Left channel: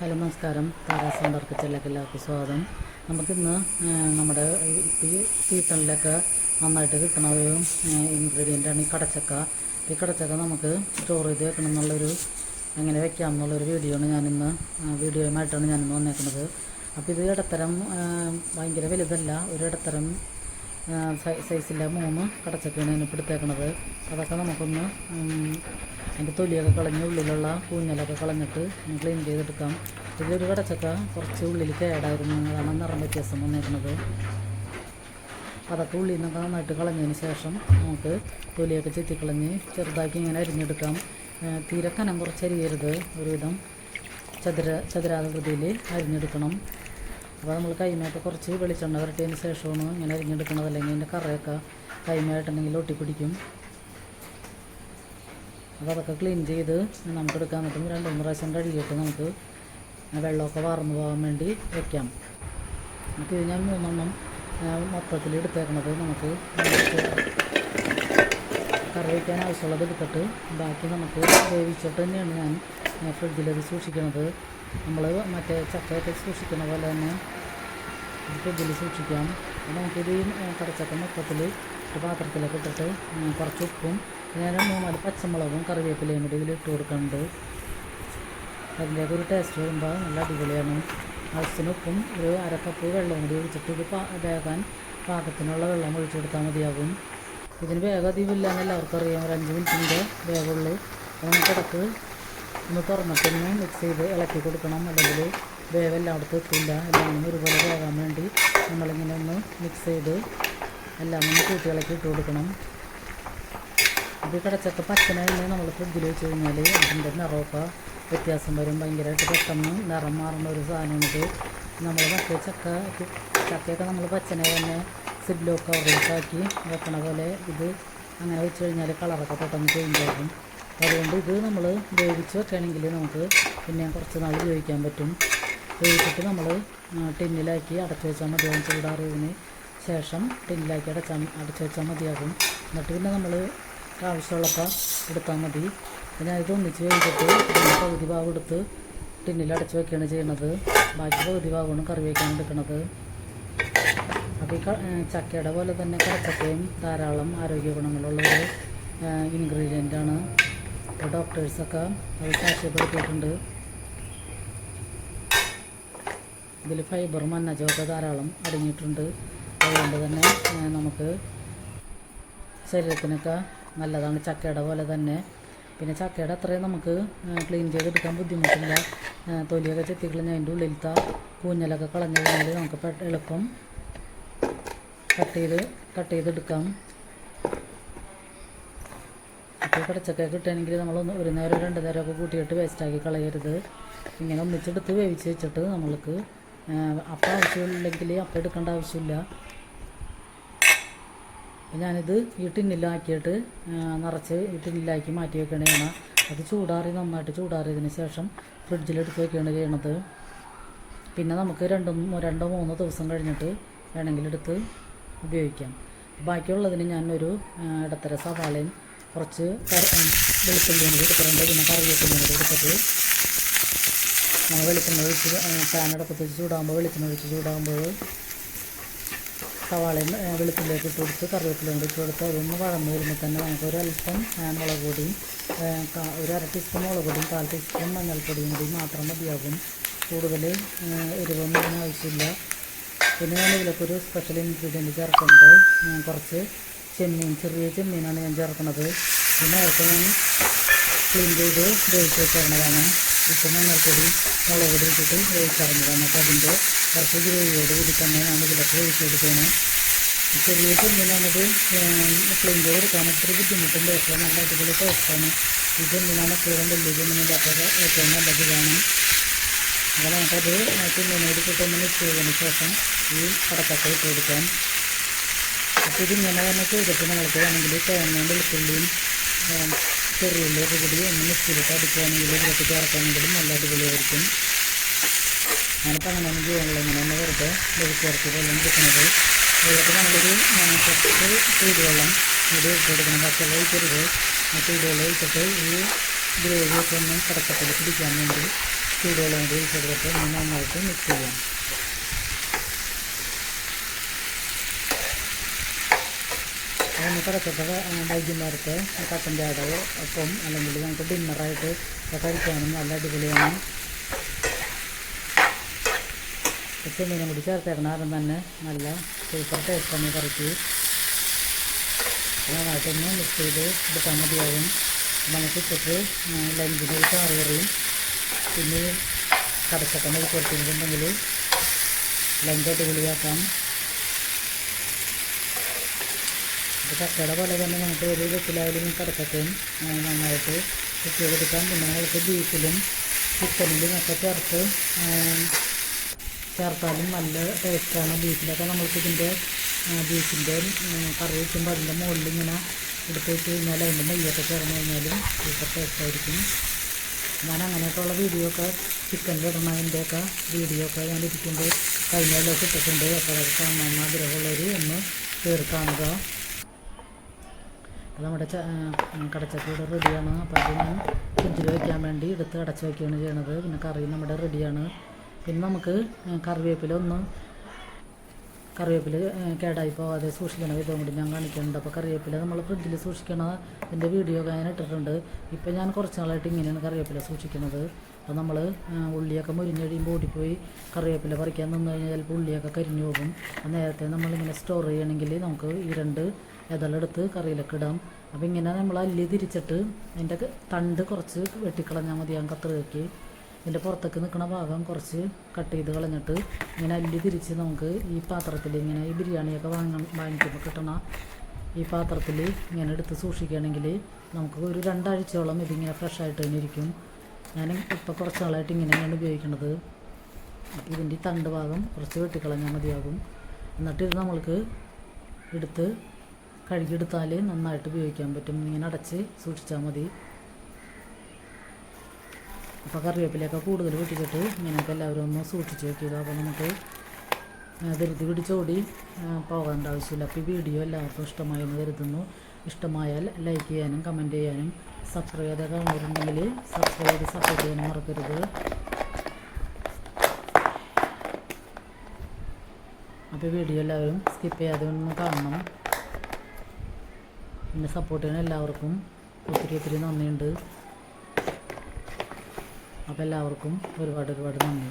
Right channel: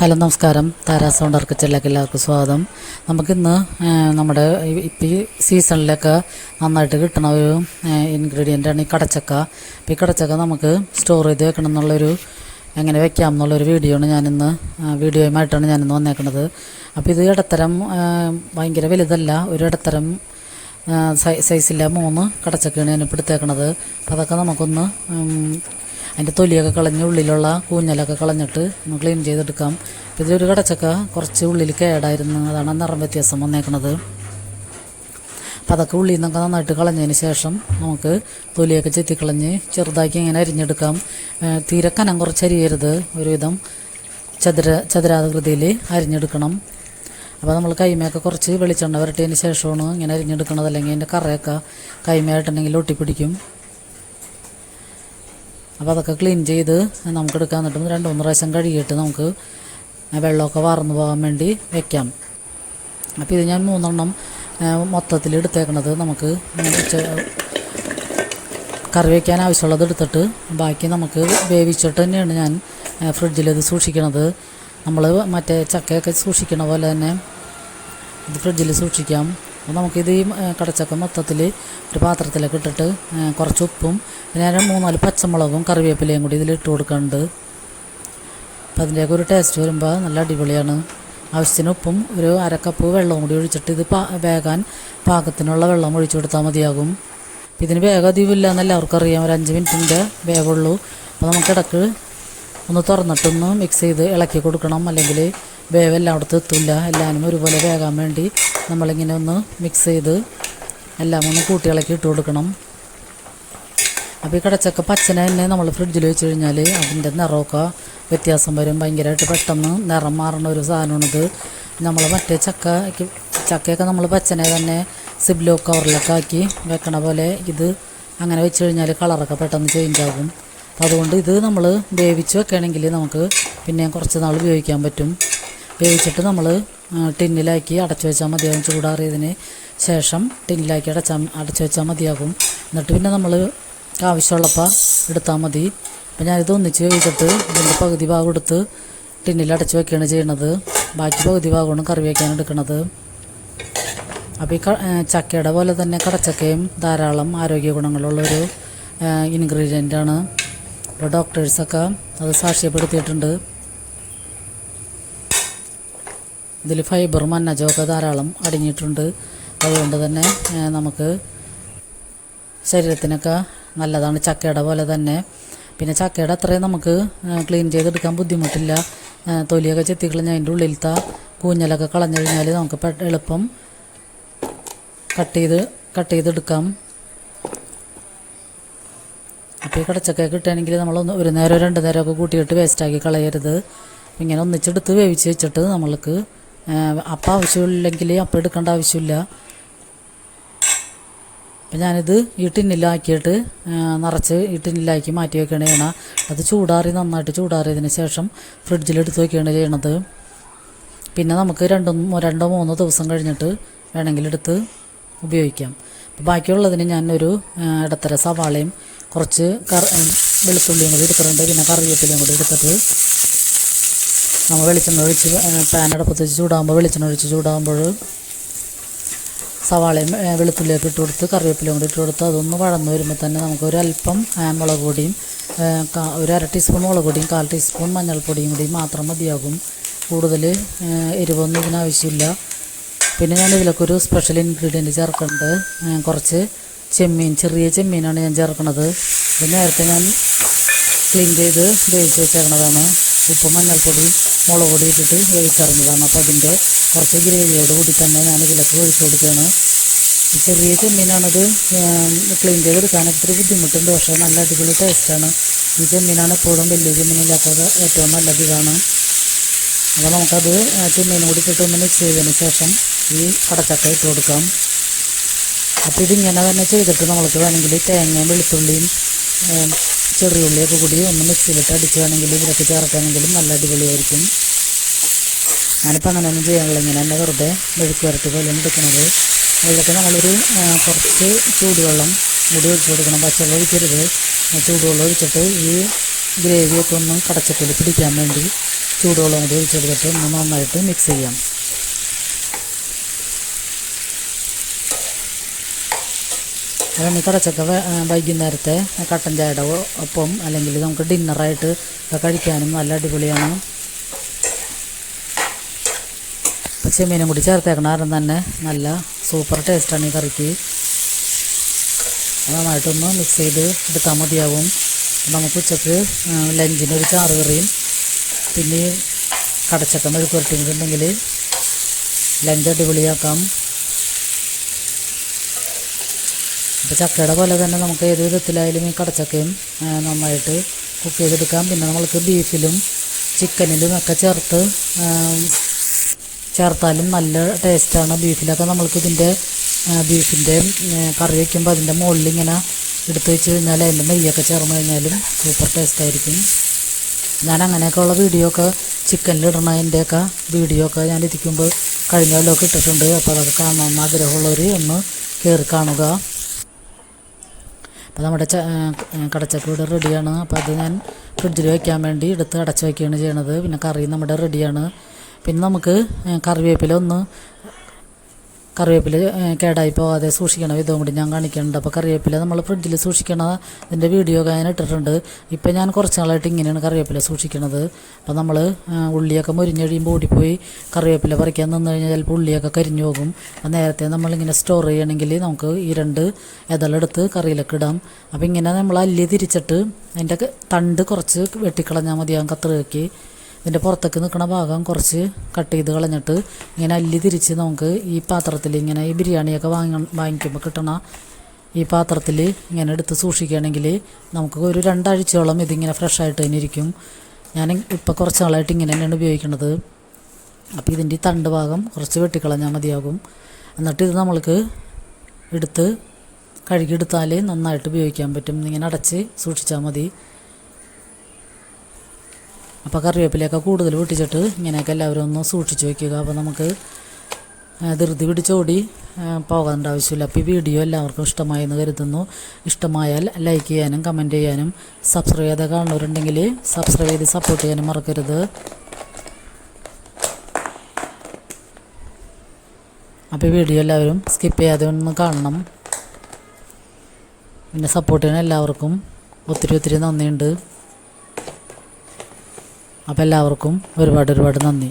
Hello നമസ്കാരം. Tara's sounder കിച്ചണിലേക്ക് എല്ലാവർക്കും സ്വാഗതം. നമുക്കിന്ന് നമ്മുടെ ഇപ്പം ഈ സീസണിലൊക്കെ നന്നായിട്ട് കിട്ടുന്ന ഒരു ഇൻഗ്രീഡിയൻ്റാണ് ഈ കടച്ചക്ക. അപ്പോൾ ഈ കടച്ചക്ക നമുക്ക് സ്റ്റോർ ചെയ്ത് വെക്കണം എന്നുള്ളൊരു എങ്ങനെ വെക്കാം എന്നുള്ളൊരു വീഡിയോയുമായിട്ടാണ് ഞാനിന്ന് വന്നേക്കുന്നത്. അപ്പോൾ ഇത് ഇടത്തരം ഭയങ്കര വലുതല്ല, ഒരു ഇടത്തരം സൈസില്ല 3 കടച്ചക്കയാണ് ഞാനിപ്പോൾ എടുത്തേക്കണത്. അതൊക്കെ നമുക്കൊന്ന് അതിൻ്റെ തൊലിയൊക്കെ കളഞ്ഞ് ഉള്ളിലുള്ള കൂഞ്ഞലൊക്കെ കളഞ്ഞിട്ട് ഒന്ന് ക്ലീൻ ചെയ്തെടുക്കാം. ഇതിലൊരു കടച്ചക്ക കുറച്ച് ഉള്ളിൽ കേടായിരുന്നു, അതാണ് നിറം വ്യത്യാസം വന്നേക്കണത്. അപ്പം അതൊക്കെ ഉള്ളിൽ നിന്നൊക്കെ നന്നായിട്ട് കളഞ്ഞതിന് ശേഷം നമുക്ക് തൊലിയൊക്കെ ചെത്തിക്കളഞ്ഞ് ചെറുതാക്കി ഇങ്ങനെ അരിഞ്ഞെടുക്കാം. തീരെ കനം കുറച്ച് അരിയരുത്, ഒരുവിധം ചതുരാകൃതിയിൽ അരിഞ്ഞെടുക്കണം. അപ്പോൾ നമ്മൾ കൈമയൊക്കെ കുറച്ച് വെളിച്ചെണ്ണ വരട്ടിയതിന് ശേഷമാണ് ഇങ്ങനെ അരിഞ്ഞെടുക്കണത്, അല്ലെങ്കിൽ അതിൻ്റെ കറയൊക്കെ കൈമയായിട്ടുണ്ടെങ്കിൽ ഒട്ടിപ്പിടിക്കും. അപ്പോൾ അതൊക്കെ ക്ലീൻ ചെയ്ത് നമുക്ക് എടുക്കാൻ എന്നിട്ടും 2-3 പ്രാവശ്യം കഴുകിയിട്ട് നമുക്ക് വെള്ളമൊക്കെ വാർന്നു പോകാൻ വേണ്ടി വെക്കാം. അപ്പോൾ ഇത് ഞാൻ 3 എണ്ണം മൊത്തത്തിൽ എടുത്തേക്കണത്. നമുക്ക് കറി വയ്ക്കാൻ ആവശ്യമുള്ളത് എടുത്തിട്ട് ബാക്കി നമുക്ക് വേവിച്ചിട്ട് തന്നെയാണ് ഞാൻ ഫ്രിഡ്ജിലത് സൂക്ഷിക്കണത്. നമ്മൾ മറ്റേ ചക്കയൊക്കെ സൂക്ഷിക്കണ പോലെ തന്നെ ഇത് ഫ്രിഡ്ജിൽ സൂക്ഷിക്കാം. നമുക്കിത് ഈ കടച്ചക്ക മൊത്തത്തിൽ ഒരു പാത്രത്തിലൊക്കെ ഇട്ടിട്ട് കുറച്ച് ഉപ്പും പിന്നെ 3-4 പച്ചമുളകും കറിവേപ്പിലയും കൂടി ഇതിലിട്ട് കൊടുക്കുന്നുണ്ട്. അപ്പം അതിൻ്റെയൊക്കെ ഒരു ടേസ്റ്റ് വരുമ്പോൾ നല്ല അടിപൊളിയാണ്. ആവശ്യത്തിന് ഉപ്പും ഒരു 1/2 കപ്പ് വെള്ളവും കൂടി ഒഴിച്ചിട്ട് ഇത് വേകാൻ പാകത്തിനുള്ള വെള്ളം ഒഴിച്ചു കൊടുത്താൽ മതിയാകും. ഇതിന് വേഗം അധികമില്ല എന്ന് എല്ലാവർക്കും അറിയാം, ഒരു 5 മിനിറ്റിൻ്റെ വേവുള്ളൂ. അപ്പോൾ നമുക്കിടക്ക് ഒന്ന് തുറന്നിട്ടൊന്ന് മിക്സ് ചെയ്ത് ഇളക്കി കൊടുക്കണം, അല്ലെങ്കിൽ വേവ് എല്ലായിടത്തും എത്തില്ല. എല്ലാവരും ഒരുപോലെ വേകാൻ വേണ്ടി നമ്മളിങ്ങനെ ഒന്ന് മിക്സ് ചെയ്ത് എല്ലാം ഒന്ന് കൂട്ടി ഇളക്കി ഇട്ട് കൊടുക്കണം. അപ്പോൾ ഈ കടച്ചക്ക പച്ചനെ തന്നെ നമ്മൾ ഫ്രിഡ്ജിൽ വെച്ച് കഴിഞ്ഞാൽ അതിൻ്റെ നിറമൊക്കെ വ്യത്യാസം വരും. ഭയങ്കരമായിട്ട് പെട്ടെന്ന് നിറം മാറുന്ന ഒരു സാധനമാണിത്. നമ്മൾ മറ്റേ ചക്കയൊക്കെ നമ്മൾ പച്ചനെ തന്നെ സിബ്ലോ കവറിലൊക്കെ ആക്കി വെക്കണ പോലെ ഇത് അങ്ങനെ വെച്ച് കഴിഞ്ഞാൽ കളറൊക്കെ പെട്ടെന്ന് ചേഞ്ച് ആകും. അതുകൊണ്ട് ഇത് നമ്മൾ വേവിച്ച് വെക്കുകയാണെങ്കിൽ നമുക്ക് പിന്നെയും കുറച്ച് നാൾ ഉപയോഗിക്കാൻ പറ്റും. വേവിച്ചിട്ട് നമ്മൾ ടിന്നിലാക്കി അടച്ചു വെച്ചാൽ മതിയാകും. ചൂടാറിയതിന് ശേഷം ടിന്നിലാക്കി അടച്ചു വെച്ചാൽ മതിയാകും. എന്നിട്ട് പിന്നെ നമ്മൾ ആവശ്യമുള്ളപ്പോൾ എടുത്താൽ മതി. അപ്പോൾ ഞാനിത് ഒന്നിച്ച് വേവിച്ചിട്ട് ഇതിൻ്റെ പകുതി ഭാഗം എടുത്ത് ടിന്നിൽ അടച്ചു വയ്ക്കുകയാണ് ചെയ്യണത്. ബാക്കി പകുതി ഭാഗമാണ് കറി വയ്ക്കാൻ എടുക്കുന്നത്. അപ്പോൾ ഈ ചക്കയുടെ പോലെ തന്നെ കടച്ചക്കയും ധാരാളം ആരോഗ്യ ഗുണങ്ങളുള്ളൊരു ഇൻഗ്രീഡിയൻ്റാണ്. അപ്പോൾ ഡോക്ടേഴ്സൊക്കെ അത് സാക്ഷ്യപ്പെടുത്തിയിട്ടുണ്ട്. ഇതിൽ ഫൈബറും അന്നജമൊക്കെ ധാരാളം അടങ്ങിയിട്ടുണ്ട്. അതുകൊണ്ട് തന്നെ നമുക്ക് ശരീരത്തിനൊക്കെ നല്ലതാണ്, ചക്കയുടെ പോലെ തന്നെ. പിന്നെ ചക്കയുടെ അത്രയും നമുക്ക് ക്ലീൻ ചെയ്തെടുക്കാൻ ബുദ്ധിമുട്ടില്ല. തൊലിയൊക്കെ ചെത്തിക്കളഞ്ഞ് അതിൻ്റെ ഉള്ളിലത്തെ കൂഞ്ഞലൊക്കെ കളഞ്ഞു കഴിഞ്ഞാൽ നമുക്ക് എളുപ്പം കട്ട് ചെയ്തെടുക്കാം. അപ്പോൾ ഈ കടച്ചക്ക കിട്ടുകയാണെങ്കിൽ നമ്മൾ 1 നേരം 2 നേരമൊക്കെ കൂട്ടിയിട്ട് വേസ്റ്റാക്കി കളയരുത്. ഇങ്ങനെ ഒന്നിച്ചെടുത്ത് വേവിച്ച് വെച്ചിട്ട് നമ്മൾക്ക് അപ്പം ആവശ്യമില്ലെങ്കിൽ അപ്പം എടുക്കേണ്ട ആവശ്യമില്ല. അപ്പം ഞാനിത് ഈ ടിന്നിലാക്കിയിട്ട് നിറച്ച് ഈ ടിന്നിലാക്കി മാറ്റി വയ്ക്കുകയാണ് ചെയ്യണം. അത് നന്നായിട്ട് ചൂടാറിയതിന് ശേഷം ഫ്രിഡ്ജിലെടുത്ത് വയ്ക്കുകയാണ് ചെയ്യണത്. പിന്നെ നമുക്ക് 2-3 ദിവസം കഴിഞ്ഞിട്ട് വേണമെങ്കിൽ എടുത്ത് ഉപയോഗിക്കാം. ബാക്കിയുള്ളതിന് ഞാനൊരു ഇടത്തര സവാളയും കുറച്ച് വെളുത്തുള്ളിയും കൂടി എടുത്തിട്ടുണ്ട്. പിന്നെ കറിവേപ്പിലയും കൂടി എടുത്തിട്ട് നമ്മൾ വെളിച്ചെണ്ണ ഒഴിച്ച് പാൻ അടുപ്പത്ത് വെച്ച് ചൂടാകുമ്പോൾ സവാളയും വെളുത്തുള്ളിയൊക്കെ ഇട്ട് കൊടുത്ത് കറിവേപ്പിലയും കൂടി ഇട്ട് കൊടുത്ത് അതൊന്ന് വഴന്ന് വരുമ്പോൾ തന്നെ നമുക്കൊരല്പം മുളക് പൊടിയും ഒരു 1/2 ടീസ്പൂൺ മുളക് പൊടിയും 1/4 ടീസ്പൂൺ മഞ്ഞൾപ്പൊടിയും കൂടി മാത്രം മതിയാകും. കൂടുതൽ എരിവൊന്നും ഇതിനാവശ്യമില്ല. പിന്നെ ഞാൻ ഇതിലൊക്കെ ഒരു സ്പെഷ്യൽ ഇൻഗ്രീഡിയൻറ്റ് ചേർക്കുന്നുണ്ട്. കുറച്ച് ചെറിയ ചെമ്മീനാണ് ഞാൻ ചേർക്കുന്നത്. ഇത് നേരത്തെ ഞാൻ ക്ലീൻ ചെയ്ത് വേവിച്ച് വെച്ചേക്കണതാണ്. ഉപ്പും മഞ്ഞൾപ്പൊടിയും മുളക് പൊടി ഇട്ടിട്ട് വേവിച്ചറിഞ്ഞതാണ്. അപ്പോൾ അതിൻ്റെ കുറച്ച് ഗ്രേവിയോട് കൂടി തന്നെ ഞാൻ ഇതിലൊക്കെ വേവിച്ച് കൊടുക്കുകയാണ്. ചെറിയ ചെമ്മീനാണത് ക്ലീൻ ചെയ്തെടുക്കാൻ ഒത്തിരി ബുദ്ധിമുട്ടുണ്ട്, പക്ഷേ നല്ല അടിപൊളി ടേസ്റ്റാണ്. ഈ ചെമ്മീനാണ് എപ്പോഴും വലിയ ചെമ്മീനില്ലാത്തത് ഏറ്റവും നല്ലത് ഇതാണ്. അപ്പോൾ നമുക്കത് ചെമ്മീനും കൂടി ഇട്ടിട്ടൊന്ന് മിക്സ് ചെയ്തതിന് ശേഷം ഈ കടച്ചക്ക ഇട്ട് കൊടുക്കാം. അപ്പോൾ ഇതിങ്ങനെ തന്നെ ചെയ്തിട്ട് നമ്മൾക്ക് വേണമെങ്കിൽ തേങ്ങയും വെളുത്തുള്ളിയും ചെറിയുള്ളിയൊക്കെ കൂടി ഒന്ന് മിക്സിയിലിട്ട് അടിക്കുകയാണെങ്കിൽ ഇതിലൊക്കെ ചേർക്കുകയാണെങ്കിലും നല്ല അടിപൊളിയായിരിക്കും. ഞാനിപ്പോൾ അങ്ങനെയൊന്നും ചെയ്യാനുള്ള ഇങ്ങനെ തന്നെ വെറുതെ വെളുച്ചേർത്ത് പോലെയാണ് എടുക്കുന്നത്. അതിലൊക്കെ നമ്മളൊരു കുറച്ച് ചൂടുവെള്ളം കൂടി ഒഴിച്ച് കൊടുക്കണം. പച്ചവെള്ളം ഒഴിക്കരുത്, ചൂടുവെള്ളം ഒഴിച്ചിട്ട് ഈ ഗ്രേവിയൊക്കെ ഒന്ന് കടച്ചക്കയിൽ പിടിക്കാൻ വേണ്ടി ചൂടുവെള്ളം കൂടി ഒഴിച്ചെടുത്തിട്ട് ഒന്ന് നന്നായിട്ട് മിക്സ് ചെയ്യാം. അതുകൊണ്ട് കടച്ചക്ക വൈകുന്നേരത്തെ കട്ടൻ ചായയുടെ ഒപ്പം അല്ലെങ്കിൽ നമുക്ക് ഡിന്നറായിട്ട് കഴിക്കാനും നല്ല അടിപൊളിയാണ്. ചെമ്മീനും കൂടി ചേർത്തേക്കണ കാരണം തന്നെ നല്ല സൂപ്പർ ടേസ്റ്റാണ് ഈ കറിക്ക്. നന്നായിട്ടൊന്ന് മിക്സ് ചെയ്ത് എടുത്താൽ മതിയാവും. നമുക്ക് ഉച്ചക്ക് ലഞ്ചിനൊരു ചാറ് കറിയും പിന്നെ കടച്ചക്ക മെഴുക്കുവരട്ടിയിട്ടുണ്ടെങ്കിൽ ലഞ്ച് അടിപൊളിയാക്കാം. അപ്പോൾ ചക്കയുടെ പോലെ തന്നെ നമുക്ക് ഏത് വിധത്തിലായാലും ഈ കടച്ചക്കയും നന്നായിട്ട് കുക്ക് ചെയ്തെടുക്കാം. പിന്നെ നമ്മൾക്ക് ബീഫിലും ചിക്കനിലും ഒക്കെ ചേർത്താലും നല്ല ടേസ്റ്റാണ്. ബീഫിലൊക്കെ നമ്മൾക്ക് ബീഫിൻ്റെ കറി വയ്ക്കുമ്പോൾ അതിൻ്റെ മുകളിൽ ഇങ്ങനെ എടുത്ത് വെച്ച് കഴിഞ്ഞാൽ അതിൻ്റെ നെയ്യൊക്കെ ചേർന്ന് കഴിഞ്ഞാലും സൂപ്പർ ടേസ്റ്റായിരിക്കും. ഞാൻ അങ്ങനെയൊക്കെയുള്ള വീഡിയോ ഒക്കെ ചിക്കനിലിടണതിൻ്റെയൊക്കെ വീഡിയോ ഒക്കെ ഞാൻ ഇരിക്കുമ്പോൾ കഴിഞ്ഞ കൊല്ലമൊക്കെ ഇട്ടിട്ടുണ്ട്. അപ്പോൾ അതൊക്കെ കാണാൻ ആഗ്രഹമുള്ളവർ ഒന്ന് കയറി കാണുക. അപ്പോൾ നമ്മുടെ കടച്ചക്ക ഇവിടെ റെഡിയാണ്. അപ്പോൾ അത് ഞാൻ ഫ്രിഡ്ജിൽ വയ്ക്കാൻ വേണ്ടി എടുത്ത് അടച്ച് വയ്ക്കുകയാണ് ചെയ്യണത്. പിന്നെ കറി നമ്മുടെ റെഡിയാണ്. പിന്നെ നമുക്ക് കറിവേപ്പില കേടായി പോകാതെ സൂക്ഷിക്കണ വിധവും കൂടി ഞാൻ കാണിക്കുന്നുണ്ട്. അപ്പോൾ കറിവേപ്പില നമ്മൾ ഫ്രിഡ്ജിൽ സൂക്ഷിക്കണ അതിൻ്റെ വീഡിയോ ഒക്കെ ഞാൻ ഇട്ടിട്ടുണ്ട്. ഇപ്പോൾ ഞാൻ കുറച്ച് നാളായിട്ട് ഇങ്ങനെയാണ് കറിവേപ്പില സൂക്ഷിക്കണത്. അപ്പോൾ നമ്മൾ ഉള്ളിയൊക്കെ മുരിഞ്ഞഴിയുമ്പോൾ ഓടിപ്പോയി കറിവേപ്പില പറിക്കാൻ നിന്ന് കഴിഞ്ഞാൽ ചിലപ്പോൾ ഉള്ളിയൊക്കെ കരിഞ്ഞു പോകും. അപ്പോൾ നേരത്തെ നമ്മളിങ്ങനെ സ്റ്റോർ ചെയ്യണമെങ്കിൽ നമുക്ക് ഈ 2 ഇതളെടുത്ത് കറിയിലൊക്കെ ഇടാം. അപ്പോൾ ഇങ്ങനെ നമ്മൾ അല്ലി തിരിച്ചിട്ട് അതിൻ്റെ തണ്ട് കുറച്ച് വെട്ടിക്കളഞ്ഞാൽ മതിയാകും കത്രികയ്ക്ക്. ഇതിൻ്റെ പുറത്തേക്ക് നിൽക്കുന്ന ഭാഗം കുറച്ച് കട്ട് ചെയ്ത് കളഞ്ഞിട്ട് ഇങ്ങനെ അല്ലി തിരിച്ച് നമുക്ക് ഈ പാത്രത്തിൽ ഇങ്ങനെ ഈ ബിരിയാണിയൊക്കെ വാങ്ങിക്കുമ്പോൾ കിട്ടണ ഈ പാത്രത്തിൽ ഇങ്ങനെ എടുത്ത് സൂക്ഷിക്കുകയാണെങ്കിൽ നമുക്ക് ഒരു 2 ആഴ്ചയോളം ഇതിങ്ങനെ ഫ്രഷായിട്ട് തന്നെ ഇരിക്കും. ഞാൻ ഇപ്പോൾ കുറച്ച് നാളായിട്ട് ഇങ്ങനെ തന്നെയാണ് ഉപയോഗിക്കുന്നത്. അപ്പോൾ ഇതിൻ്റെ ഈ തണ്ട് ഭാഗം കുറച്ച് വെട്ടിക്കളഞ്ഞാൽ മതിയാകും. എന്നിട്ട് ഇത് നമ്മൾക്ക് എടുത്ത് കഴുകിയെടുത്താൽ നന്നായിട്ട് ഉപയോഗിക്കാൻ പറ്റും. ഇങ്ങനെ അടച്ച് സൂക്ഷിച്ചാൽ മതി. അപ്പോൾ കറിവേപ്പിലയൊക്കെ കൂടുതൽ പൊട്ടിച്ചിട്ട് ഇങ്ങനെയൊക്കെ എല്ലാവരും ഒന്ന് സൂക്ഷിച്ച് വയ്ക്കുക. അപ്പോൾ നമുക്ക് ധൃതി പിടിച്ചോടി പോകേണ്ട ആവശ്യമില്ല. അപ്പോൾ ഈ വീഡിയോ എല്ലാവർക്കും ഇഷ്ടമായെന്ന് കരുതുന്നു. ഇഷ്ടമായാൽ ലൈക്ക് ചെയ്യാനും കമൻറ്റ് ചെയ്യാനും സബ്സ്ക്രൈബ് ചെയ്ത് കാണുന്നവരുണ്ടെങ്കിൽ സബ്സ്ക്രൈബ് ചെയ്ത് സപ്പോർട്ട് ചെയ്യാനും മറക്കരുത്. അപ്പോൾ ഈ വീഡിയോ എല്ലാവരും സ്കിപ്പ് ചെയ്യാതെ ഒന്ന് കാണണം. പിന്നെ സപ്പോർട്ട് ചെയ്യാൻ എല്ലാവർക്കും ഒത്തിരി നന്ദിയുണ്ട്. അപ്പോൾ എല്ലാവർക്കും ഒരുപാട് നന്ദി.